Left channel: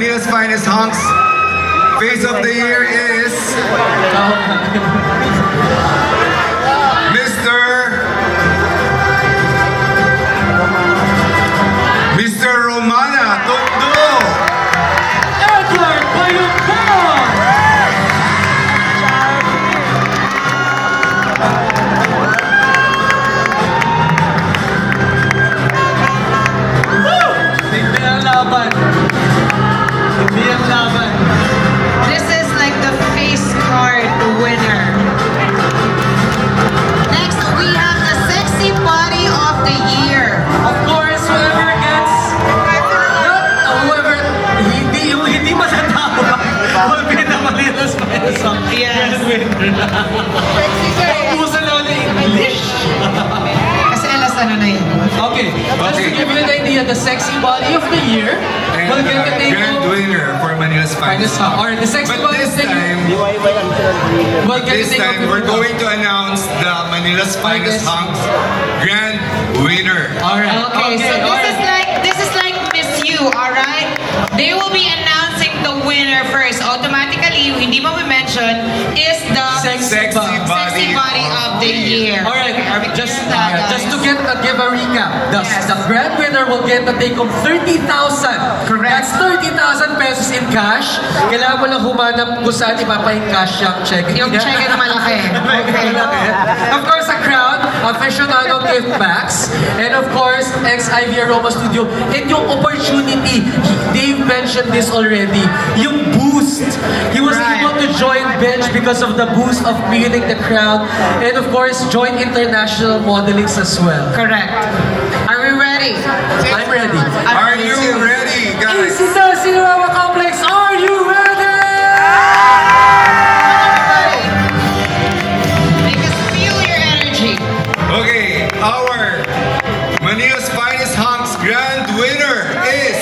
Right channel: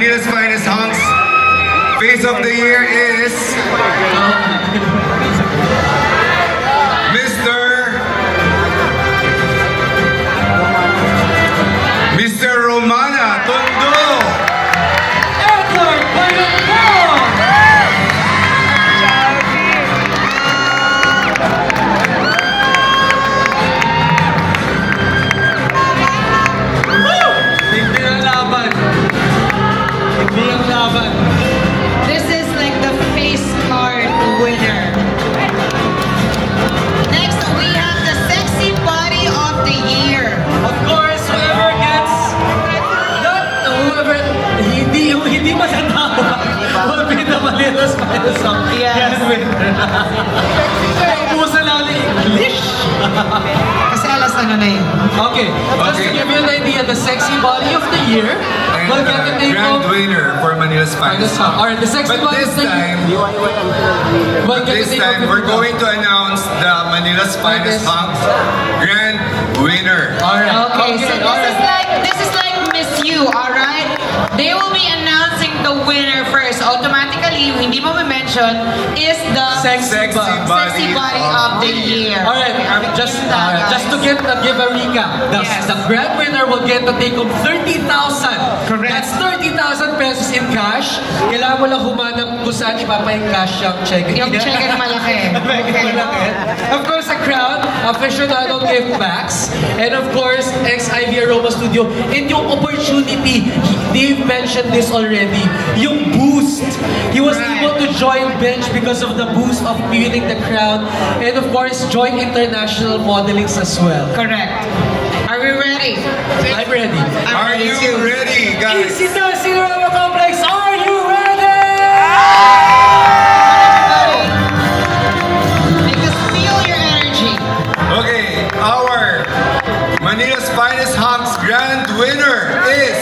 Manila's finest hunks. Face of the year is Mr. Romana Tondo. Airport Bayongon. Hindi ang laban. Hindi ang laban. This is like the face card winner. Next, we have the sexy body of the year. Of course, whoever gets whoever hindi matatawa will be the Manila's finest hunk. Yes. Ubusan lang ng English. Kasi alas ano na yun. Okay, just to give you an idea, the sexy body of the year will get the name Grand of winner for Manila's finest hunk. or the sexy But body this of the year. time, we're going to announce the Manila's finest hunk grand winner. Alright. Okay, so alright. this is like Miss You, alright? They will be announcing the winner first. Automatically, yung hindi mo mention is the Sexy sexy body of the year. Alright, just to give a recap, the grand winner will get the take of 30,000. Correct. That's 30,000 pesos in cash. Kailangan mo lang humanap kung saan ipapa-encash yung check. Yung check na malaki. Okay. Of course, a crown, aficionado gift bags, and of course, ex-Ivy Aroma Studio. And yung opportunity, Dave mentioned this already, yung boost. He was able to join Bench because of the boost of winning the crown, and of course, join international modelings as well. Correct. Are we ready? I'm ready. Are you ready, guys? Sita Cinerama Complex, are you ready? Make us feel your energy. Okay, our Manila's finest hunks grand winner is